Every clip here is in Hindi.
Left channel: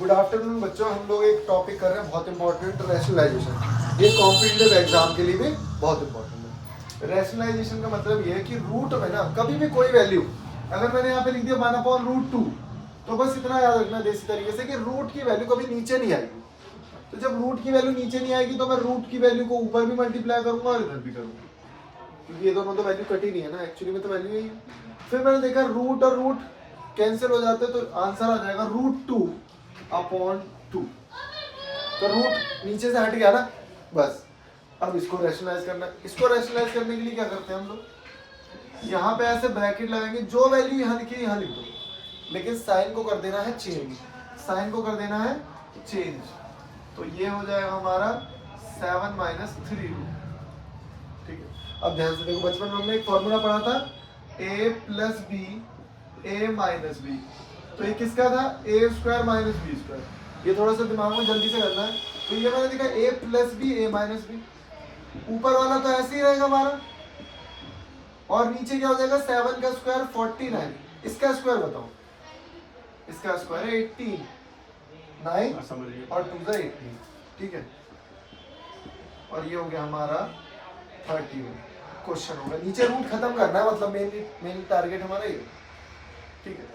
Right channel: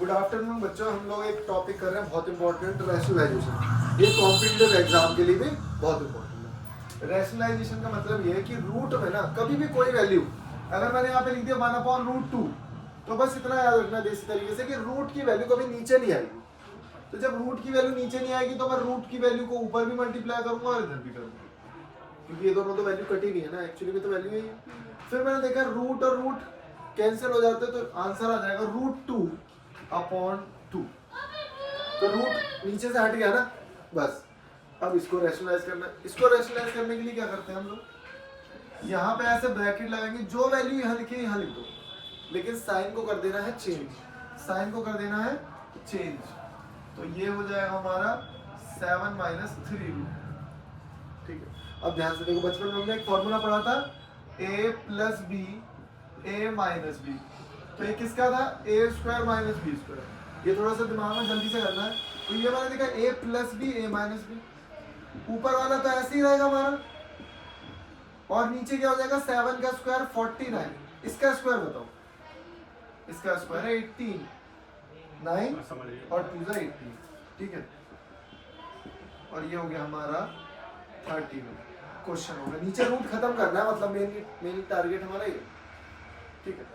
गुड आफ्टरनून बच्चों, हम लोग एक टॉपिक कर रहे हैं बहुत इंपॉर्टेंट, रैशनलाइजेशन। ये कॉम्पिटिटिव एग्जाम के लिए भी बहुत इंपॉर्टेंट है। रैशनलाइजेशन का मतलब ये है कि रूट में ना कभी भी कोई वैल्यू, अगर मैंने यहाँ पे लिख दिया 1/√2, तो बस इतना याद रखना देसी तरीके से कि रूट की वैल्यू कभी नीचे नहीं आएगी। तो जब रूट की वैल्यू नीचे नहीं आएगी तो मैं रूट की वैल्यू को ऊपर भी मल्टीप्लाई करूंगा और इधर भी करूंगा, क्योंकि ये दोनों तो वैल्यू कटी नहीं है ना, एक्चुअली में तो वैल्यू यही है। फिर मैंने देखा रूट और रूट कैंसिल हो जाते, तो आंसर आ जाएगा √2/2। तो रूट नीचे से हट गया ना, बस। अब इसको रैशनलाइज करना है। इसको रैशनलाइज करने के लिए क्या करते हैं हम लोग, यहाँ पे ऐसे ब्रैकेट लगाएंगे, जो वैल्यू यहाँ लिखी यहाँ लिख दो, लेकिन साइन को कर देना है चेंज। साइन को कर देना है चेंज, तो ये हो जाएगा हमारा 7 - 3√। ठीक है, अब ध्यान से देखो, बचपन में हमने एक फॉर्मूला पढ़ा था a + b a - b। तो ये किसका था, a² - b²। ये थोड़ा सा दिमाग में जल्दी से करना है। तो ये मैंने देखा a + b a - b, ऊपर वाला तो ऐसे ही रहेगा हमारा, और नीचे क्या हो जाएगा 7 का स्क्वायर 49। इसका स्क्वायर बताओ, इसका स्क्वायर है 18, 9 और 2 18। ठीक है, और ये हो गया हमारा 31 क्वेश्चन होगा। नीचे रूट खत्म करना है, मतलब मेन टारगेट हमारा ये। ठीक है,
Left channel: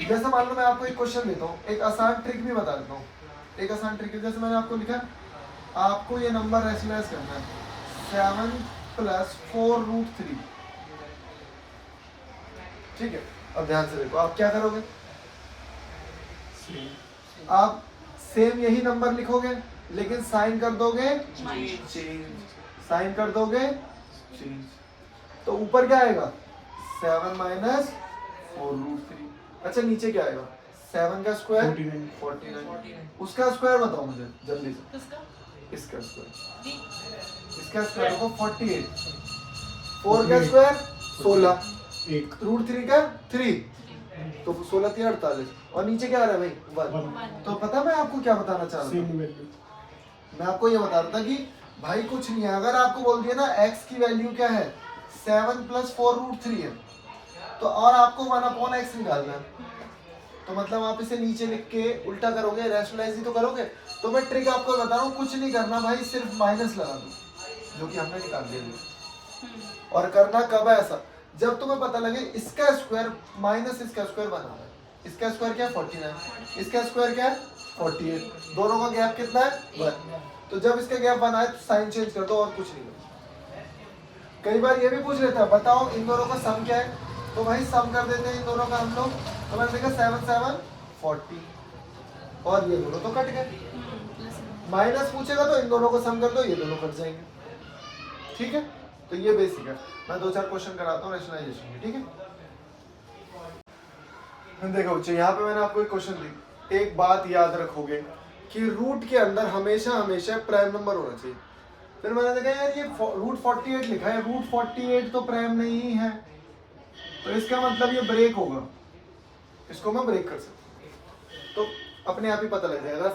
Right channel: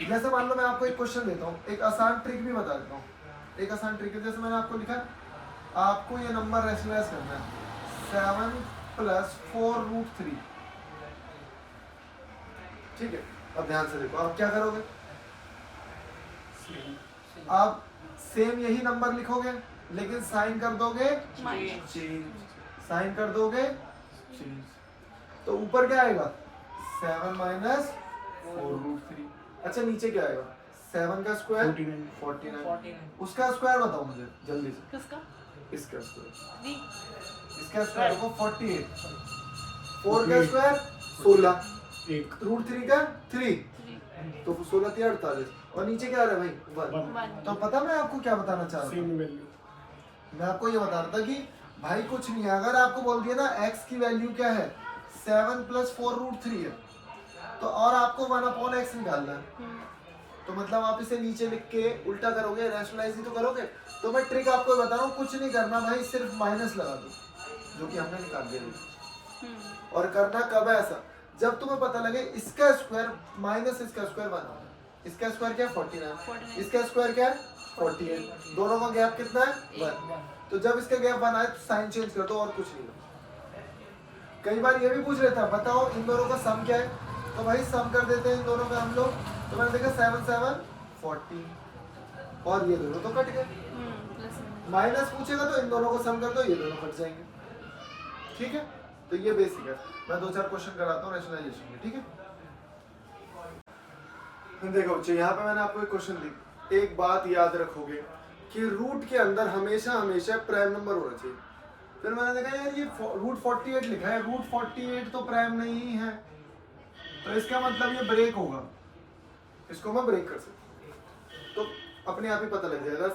जैसे मान लो मैं आपको एक क्वेश्चन देता हूँ, एक आसान ट्रिक भी बता देता हूँ। एक आसान ट्रिक है, जैसे मैंने आपको लिखा, आपको ये नंबर रैशनलाइज करना है 7 + 4√3। ठीक है, अब ध्यान से देखो, आप क्या करोगे, आप सेम यही नंबर लिखोगे, लेकिन साइन कर दोगे चेंज। साइन कर दोगे चेंज, तो ऊपर क्या आएगा 7 - 4√3। अच्छा, नीचे क्या आएगा 7 का स्क्वायर 49। उसका स्क्वायर बताओ मुझे जल्दी से। इसका स्क्वायर, इसका स्क्वायर देखो 48। 4 का स्क्वायर 16, √3 का 3, तो 16 3 48, और नीचे क्या आ रहा है भाई 1। तो पता मैं आपको क्या बताना चाह रहा था, मैं आपको ये बता रहा था कि भाई कुछ नहीं है, अगर आपको बोल दिया ना x की वैल्यू क्या है 7 + 4√3 है, तो और आपको 1/x निकालना है, तो मतलब आप इसे नीचे लिख के उल्टा करोगे, रैशनलाइज ही तो करोगे। तो मैं ट्रिक आपको बता रहा हूँ, कुछ नहीं करना भाई, सिर्फ माइनस लगा दो, जो कि हमने निकाल दिया। और करना कब है ऐसा, जब तुम्हें पता लगे इसका स्क्वायर माइनस इसका स्क्वायर बना है। इसका स्क्वायर क्या है 49, इसका स्क्वायर क्या है 48, दोनों का गैप कितना है 1। तो जब इसका गैप बना है तो साइन चेंज कर दो, और कुछ नहीं करना। कई बार ये भी पूछ लेता है, बताओ इन दोनों का सम क्या है, तो भाई सम कर देते हैं इन दोनों का हम लोग। तो मैंने देखा 7 7 40, और ये दोनों तो कट गए। माइनस पूछेगा तो इन दोनों को सम कर दो, ये दोनों कट जाएंगे। ठीक है, तो ये बेसिक है। मैं 2-4 क्वेश्चन कराता हूँ रैशनलाइजेशन में। ठीक है, देखो बच्चों, यहाँ पे मैंने आपको एक क्वेश्चन दी। एक बात याद रखोगे कि रूट के अंदर हमेशा हमेशा प्राइम नंबर होना चाहिए। फिर मैंने देखा यार ये √48 लिखा है, √48 तो प्राइम नहीं है, तो इसका मतलब ये ब्रेक होगा, इसको मैं ब्रेक कर सकता हूँ। तो अपने आप ही पता लग जाएगा,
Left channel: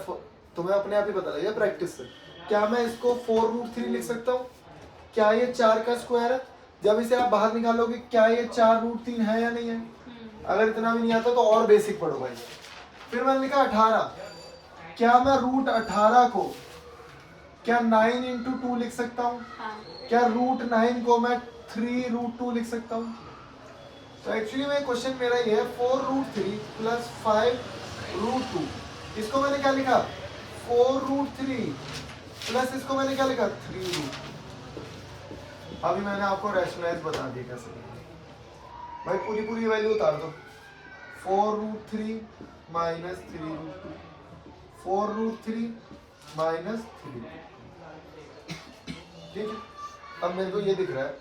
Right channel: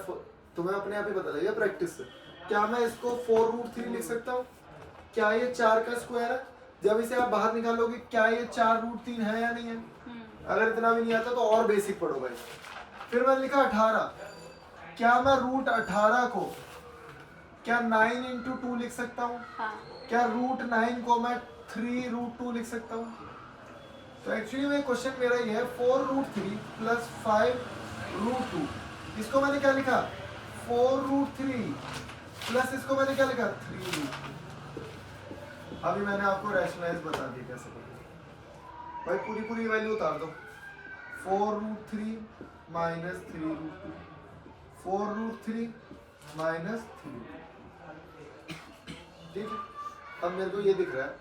तुम्हें अपने आप ही पता लगेगा प्रैक्टिस से। क्या मैं इसको 4√3 लिख सकता हूँ, क्या ये 4 का स्क्वायर है। जब इसे आप बाहर निकालोगे, क्या ये 4√3 है या नहीं है। अगर इतना भी नहीं आता तो और बेसिक पढ़ो भाई। फिर मैंने लिखा 18, क्या मैं √18 को क्या 9 × 2 लिख सकता हूँ, क्या √9 को मैं 3√2 लिख सकता हूँ। तो एक्चुअली में क्वेश्चन मेरा ये है 4√3 + 5√2। इसको मैंने क्या लिखा 4√3 प्लस इसको मैंने क्या लिखा 3√2। अभी मैंने आपको रैशनलाइज बता दिया कैसे करना। भाई पूरी वैल्यू उतार दो, 4√3 - 3√2, 4√3 - 3। ठीक है, अब मेरे को ये दिख रहा है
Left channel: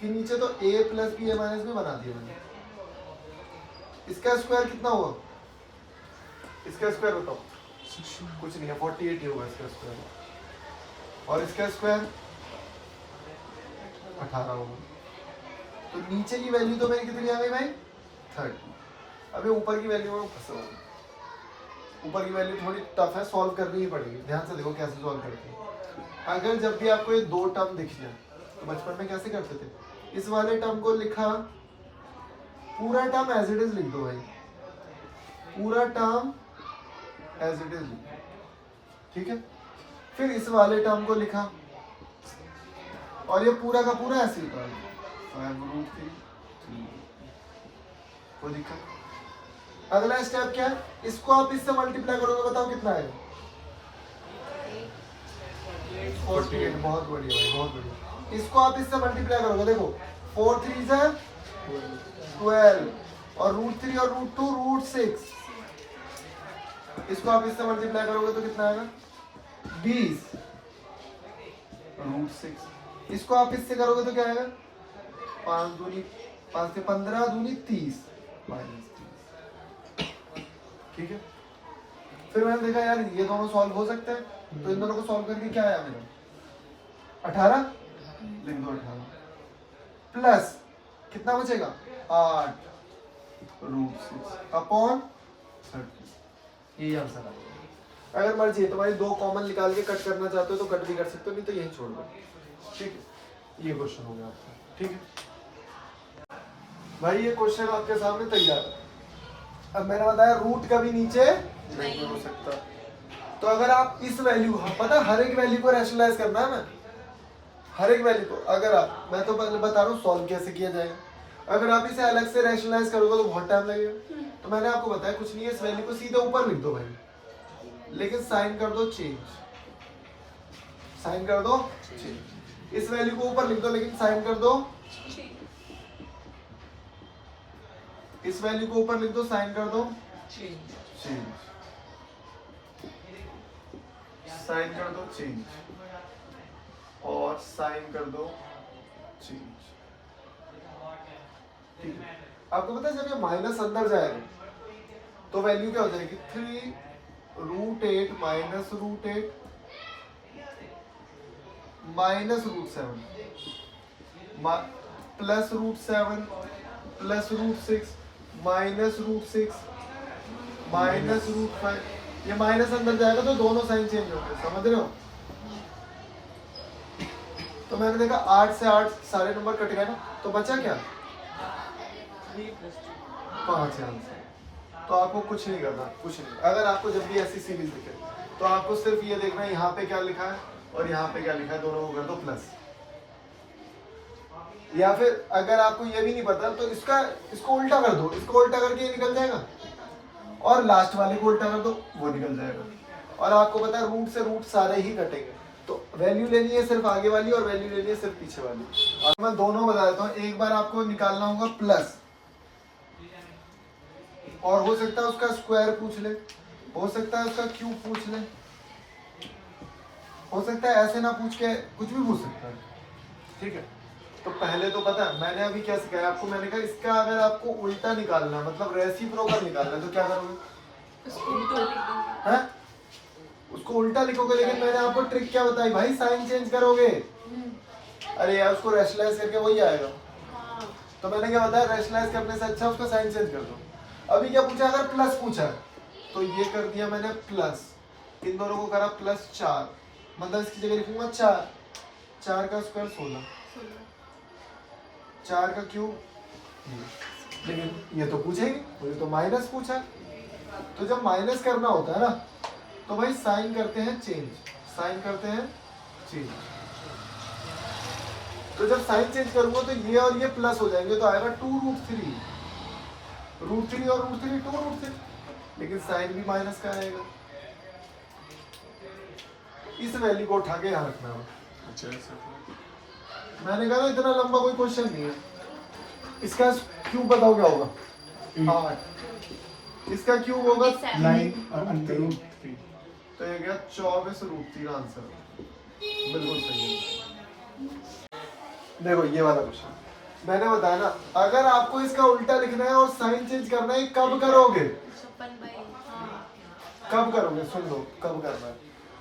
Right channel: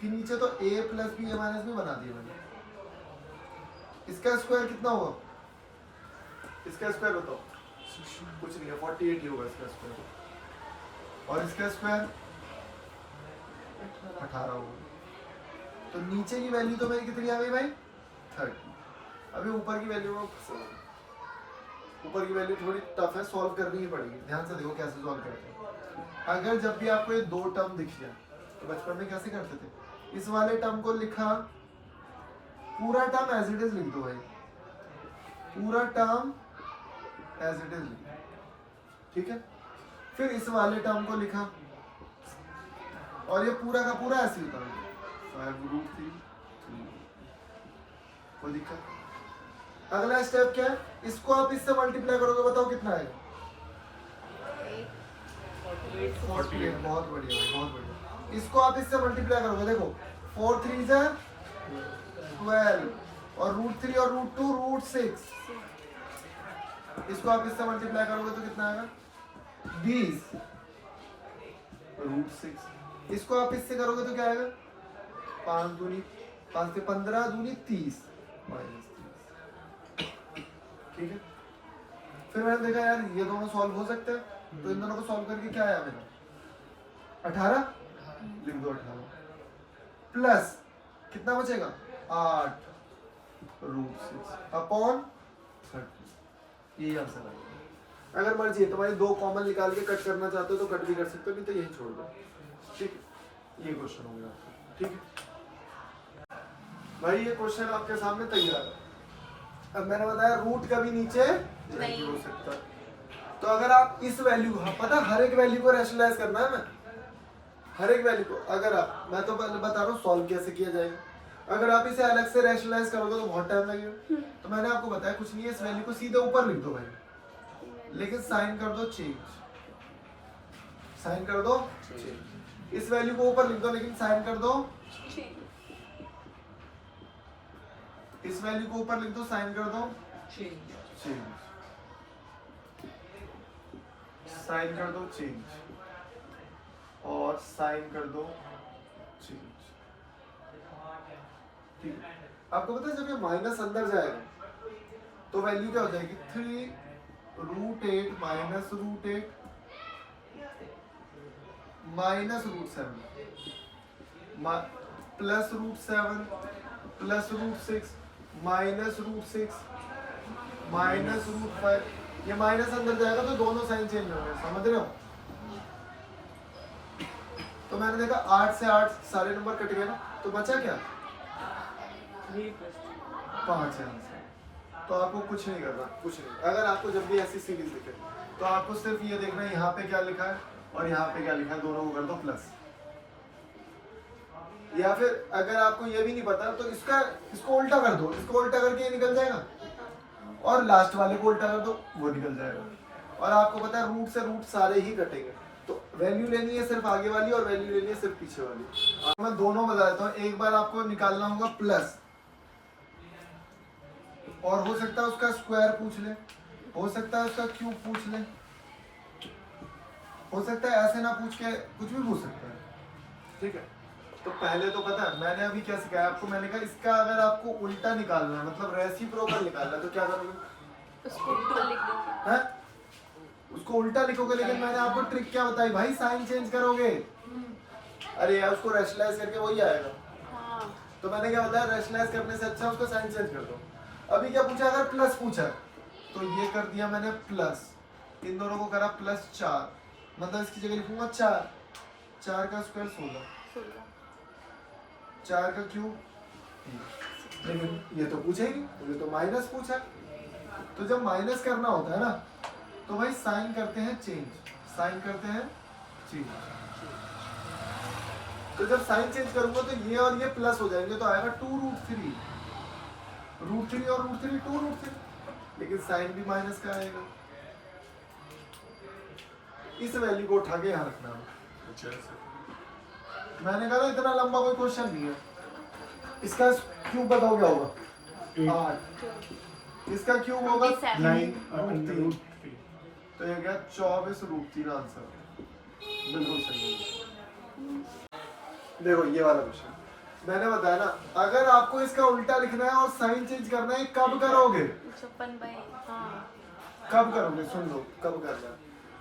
कि नीचे तो a + b a - b बना दिया मैंने। इसका स्क्वायर कितना हुआ, इसका स्क्वायर बताओ, कुछ नहीं है 48 ही होगा इसका स्क्वायर, और इसका स्क्वायर 18 होगा। तो नीचे की वैल्यू तो मेरी कितनी आ गई भाई 30। अभी ऊपर की वैल्यू में फंसा हूं। ऊपर की वैल्यू थोड़ी टफ है, सॉल्व करनी ही पड़ेगी। ध्यान से देखो कैसे सॉल्व करते हैं। अगर जब भी आपको ये दो टर्म दिख जाए, तो बचपन में कैसे करते थे, इस वाले टर्म को लिखा, पूरा टर्म एज इट इज लिख दो भाई, पूरा टर्म एज इट इज, ठीक है। फिर इस वाले टर्म को लिखा और ये पूरा का पूरा ऐसे ही था 5√3, कोई दिक्कत। अगला स्टेप क्या है, इसको आप इससे मल्टीप्लाई करोगे, बताओ कितना आएगा? 48। बहुत बढ़िया भाई, बहुत बढ़िया। इसको आप इससे मल्टीप्लाई करोगे, देखो 4 3 12 और √3 और √2 √6। इसको आप इससे मल्टीप्लाई करोगे तो कितना आएगा? 20 √6। इसको आप इससे करोगे तो क्या आएगा? 5 दूनी 5 से 15 दूनी 30 -30, ठीक है। फिर मैंने देखा यार ये दोनों सॉल्व हो सकते हैं, तो इन दोनों को सॉल्व करके क्या आया मेरा? 18, लिख दो 18 प्लस कितना बचेगा? 8 √6 अपॉन 30, यही आंसर आएगा। अगर मर्जी है तुम्हारी दो कॉमन निकाल के कट करना चाहते हो तो कट भी कर सकते हो, नहीं तो यही छोड़ दो, ठीक है। ये क्वेश्चन हो गया आपका, ठीक है भाई। ये क्वेश्चन आपके सामने तैयार है। अब मैंने बताया रूट कभी नीचे नहीं हो सकता, तो अगर आप इस वैल्यू, हाँ पता हर एक वैल्यू को रैशनलाइज करना है ना, हर एक वैल्यू को। अगर आप, मैं तो बता रहा हूँ सॉल्व कैसे किया जाएगा। अगर आप इसे अलग से रैशनलाइज करोगे तो बहुत टाइम लगेगा। तो मैंने आपको बताया कुछ नहीं है, इस वैल्यू को सीधे ऊपर लिख दो भाई, लेकिन साइन कर दो चेंज, साइन कर दो चेंज। इस वैल्यू को ऊपर लिख दो लेकिन साइन कर दो, इस वैल्यू को ऊपर लिख दो, साइन कर दो चेंज, साइन कर दो चेंज और साइन कर दो चेंज, ठीक है। आपको पता है जब ये माइनस अंदर जाएगा तो वैल्यू क्या हो जाएगी? 3√8 minus √8 minus √7 plus √7 plus √6 minus √6 minus √5। ये माइनस अंदर जाएगा तो दोनों साइन चेंज हो गए, समझ रहे हो? तो मैंने देखा 8 से 8 सारे नंबर कट गए ना, तो बचा क्या? 5 आंसर। तो आपको कुछ नहीं करना, कुछ नहीं। अगर आपको जब भी ऐसी सीरीज दिखे तो आपको सिर्फ ये देखना यहाँ पे क्या लिखा है और यहाँ पे क्या लिखा है, दोनों को कर दो प्लस। या फिर अगर आपको ये भी नहीं पता तो इसको उल्टा कर दो, इसको उल्टा करके ये निकल जाएगा और लास्ट वाले को उल्टा कर दो, वो निकल जाएगा। और आपको पता है रूट से रूट सारे ही कटेंगे, तो वैल्यू लेनी है सिर्फ आगे वाली और वैल्यू लेनी है सिर्फ पीछे वाली। और मैं दोनों बता देता हूँ। एक बार आपको निकालना होगा प्लस, और हो सकता है उसका स्क्वायर पूछ ले, हो सकता है उसका क्यूब पूछ ले, हो सकता है ऐसे ना पूछ के कुछ भी पूछ सकता है, ठीक है। तो पहले तो पता है मैंने अभी क्या सिखाया आपको, मैंने कहा इसका अगर आपको उल्टा निकालना मतलब रेसिप्रोकल निकालना तो क्या करोगे? उसको उल्टा लिखोगे। लेकिन मैंने आपको ट्रिक क्या बताई भाई? साइन चेंज करोगे। अरे यार उसको रैशनलाइज करके वही आएगा। तो मैंने क्या बताया, रैशनलाइज करने से अच्छा उसका साइन चेंज कर दो। अभी क्या पूछा? अगर प्लस पूछा तो ये कर दिया मैंने प्लस, इन दोनों को करा +4, मतलब इसकी जगह लिखूंगा 4, 4 का स्क्वायर 16, 4 का क्यूब। लेकिन ये तो पूछेगी, ये तो माइनस पूछा। तो जब माइनस करना होता है ना तो भाई साइन करते हैं चेंज, साइन करते हैं चेंज। तो जब साइन चेंज करूंगा तो ये और ये प्लस हो जाएंगे, तो आएगा 2√3, √3 और √3 2√3, लेकिन साइन भी माइनस का आएगा। इस वैल्यू को उठा के यहाँ रखना है। मैंने कहा इतना लंबा कोई क्वेश्चन नहीं है। इसका क्यूब बताओ क्या होगा? 8। इसका क्यूब होगा 9√3, तो ये गया 24√3 आंसर। बिल्कुल सही है। देखो ये वाला क्वेश्चन मैंने बताया ना, अगर आपको इसका उल्टा लिखना है और साइन चेंज करना है, कब करोगे? कब करोगे? सुन लो, कब करना है?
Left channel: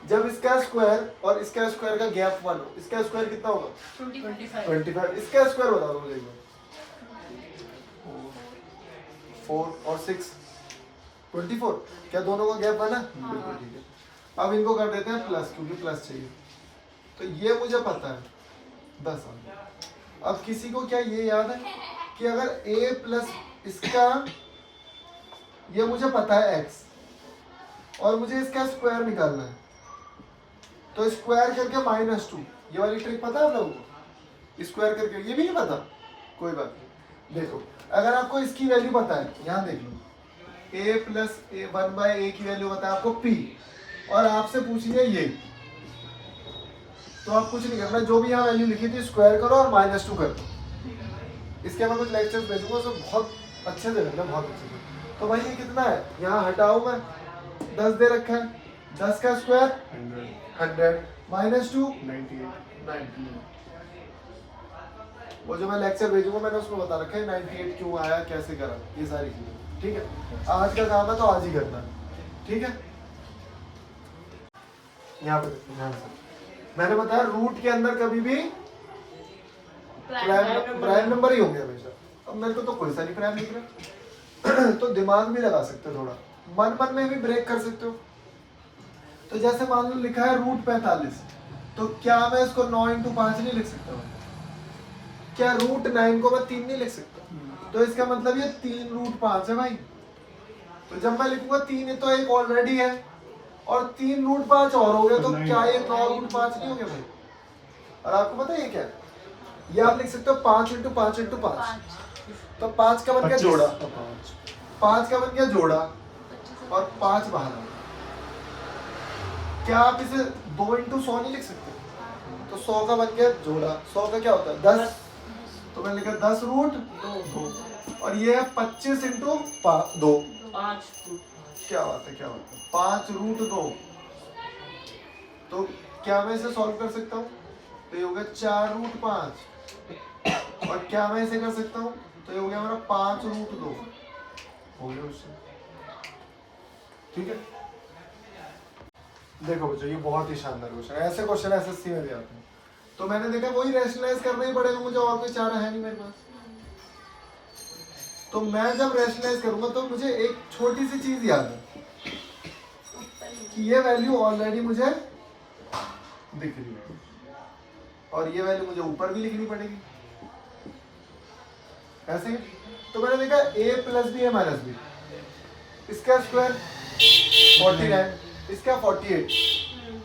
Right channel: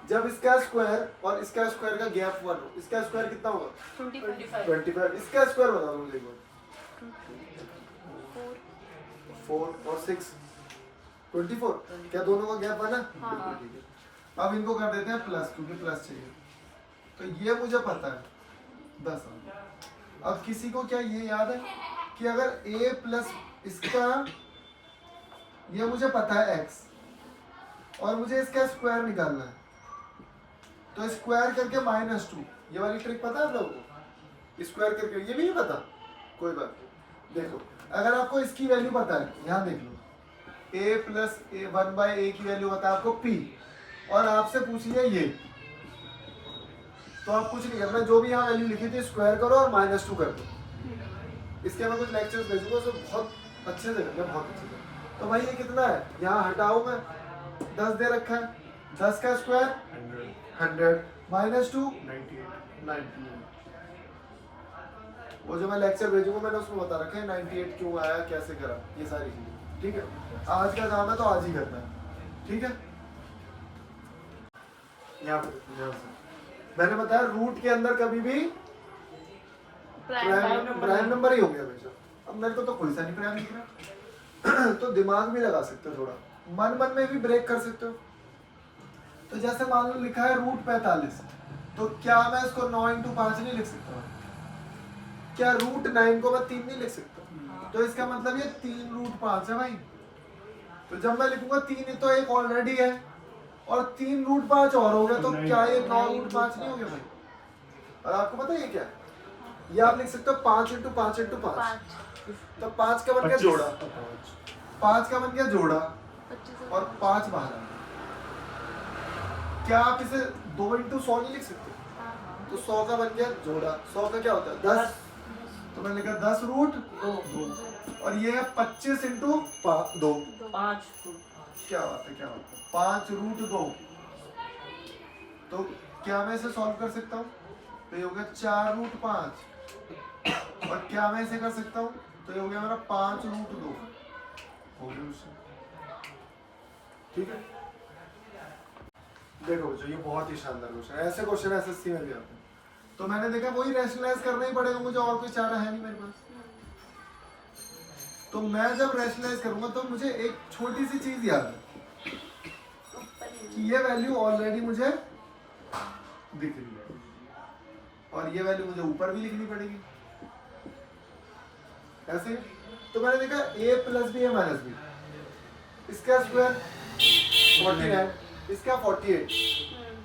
जब इसका स्क्वायर और इसका स्क्वायर का गैप 1 हो। इसका स्क्वायर कितना होगा? 25। इसका स्क्वायर बता दो मुझे। 4 और 6 24। क्या दोनों का गैप बना? बिल्कुल ठीक है। अब इनको कर देते हैं प्लस, क्योंकि प्लस चाहिए। तो ये मुझे पता है, बस। अब किसी को क्या ये याद है कि अगर a प्लस इसका, ये मुझे पता है x, और मुझे इसका स्क्वायर निकालना है, तो स्क्वायर करके -2, ये वाली ट्रिक पता है आप लोगों को? स्क्वायर करके, ये भी नहीं पता, कोई बात नहीं। देखो अगर आपको इसकी वैल्यू पता है, यहाँ देख लो, a प्लस a 1/a की वैल्यू पता है आपको p, और आपसे पूछ लिया ये, तो आप कुछ नहीं करना, जो भी यहाँ वैल्यू लिखी थी स्क्वायर करो और -2 कर दो। इसके मैं कुछ लेक्चर्स भेजूंगा, उसमें बहुत अच्छे से करना, बहुत अच्छे से। तो भाई ये कितना है, यहाँ हटाओ, मैं 10 दे रखा है, 10 का स्क्वायर 100 -2 98। वो जो मैं लेक्चर भेजूंगा मैंने उसमें बता रखा है 98 क्यों आया, कैसे करा, ये सारी चीजें, ठीक है। आज का काम है तो आज ही करना है, ठीक है। यहाँ पे मैंने बताया रूट के अंदर कभी भी प्राइम नंबर ही होंगे हमेशा। अब मेरे को तो कोई सा नहीं प्राइम दिख रहा तो दिमाग भी लगा सकते हो थोड़ा, मन मन में भी ब्रेक कर सकते हो। तो जैसे मान लो लिखा है रूट 45, तो क्या मैं इसको 9 × 5 नहीं लिख सकता हूँ? क्या रूट 9 को मैं 3 नहीं लिख सकता? तो इसका मतलब ये 3 रूट 5 है भाई। तो जब मैं लिखूंगा 3 तो एक ऑलरेडी है, और 3 रूट 5 और हो गए, तो क्या ये 9 रूट 5 नहीं हो गया भाई? और आपको पता है ये क्या है? ये आप लिख सकते हो 5 × 5 × 5, तो 5 का बन गया जोड़ा, 5 का बन गया जोड़ा, और 5 बाहर आया। क्या आप इसे 2 × 100 नहीं लिख सकते? तो 100 का बन गया जोड़ा, 100 का क्या होता है 10, तो मैंने लिखा 10 रूट 2, और ये है 25 × 2, 5। क्या बात है, क्या बात है, 5 रूट 2। तो क्या मैं इसे सॉल्व कर सकता हूँ? तो ये हो गया 4 रूट 5, और क्या मैं इसे कर सकता हूँ? तो ये हो गया हमारा 5 रूट 2, हो गया उससे, ठीक है। देखो बच्चों ये बहुत ही शानदार क्वेश्चन है, ऐसे क्वेश्चन एसएससी में भी आते हैं। तो मैंने देखा वही रैशनलाइज करना ही पड़ेगा मुझे, और कोई चारा है नहीं मेरे पास। तो मैं जब रैशनलाइज करूंगा तो मुझे एक छोटी सी चीज याद है कि ये वैल्यू ऑलरेडी मुझे दिख रही है, और ये वैल्यू मुझे ऊपर भी लिखनी पड़ेगी, ऐसे ही। तो मैंने देखा a + b है -b, इसका स्क्वायर 49, इसका 48,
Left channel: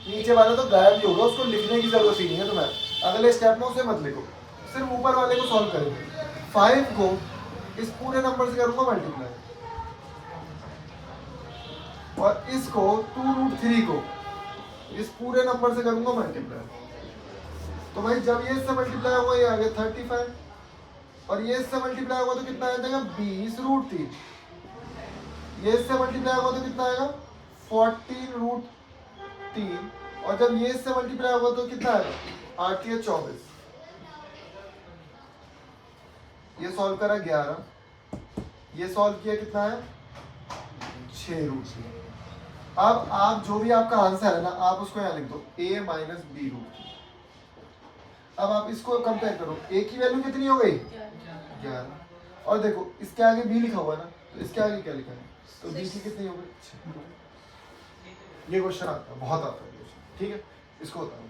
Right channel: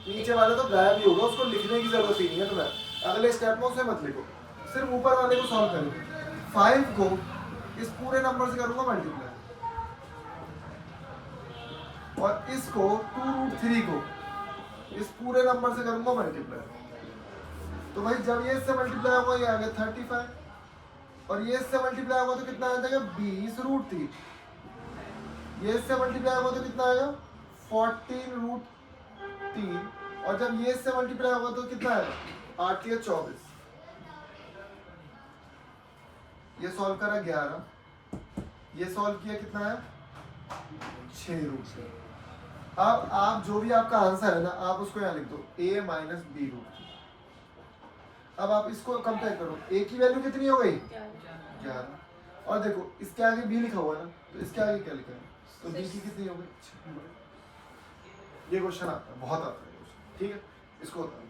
नीचे वाला तो गायब ही होगा, उसको लिखने की जरूरत ही नहीं है तुम्हें। अगले स्टेप में उसे मत लिखो, सिर्फ ऊपर वाले को सॉल्व करेंगे। 5 को इस पूरे नंबर से करूंगा मल्टीप्लाई, और इसको 2 रूट 3 को इस पूरे नंबर से करूंगा मल्टीप्लाई। तो भाई जब ये इससे मल्टीप्लाई होगा ये आ गया 35, और ये इससे मल्टीप्लाई होगा तो कितना आ जाएगा 20 रूट 3, ये इससे मल्टीप्लाई होगा तो कितना आएगा 14 रूट 3, और जब ये इससे मल्टीप्लाई होगा तो कितना आएगा 8 या 24। ये सॉल्व करा 11, ये सॉल्व किया कितना है 6 रूट 3। अब आप जो भी आपका आंसर है ना, आप उसको यहाँ लिख दो a - b रूट 3। अब आप इसको कंपेयर करो, a की वैल्यू कितनी हो गई 11, और देखो इसके आगे b लिखा हुआ है ना, तो इसके आगे क्या लिखा है, तो b की कितनी हो गई 6। ये क्वेश्चन आता है, बहुत आता है क्वेश्चन, ठीक है। इसको बताओ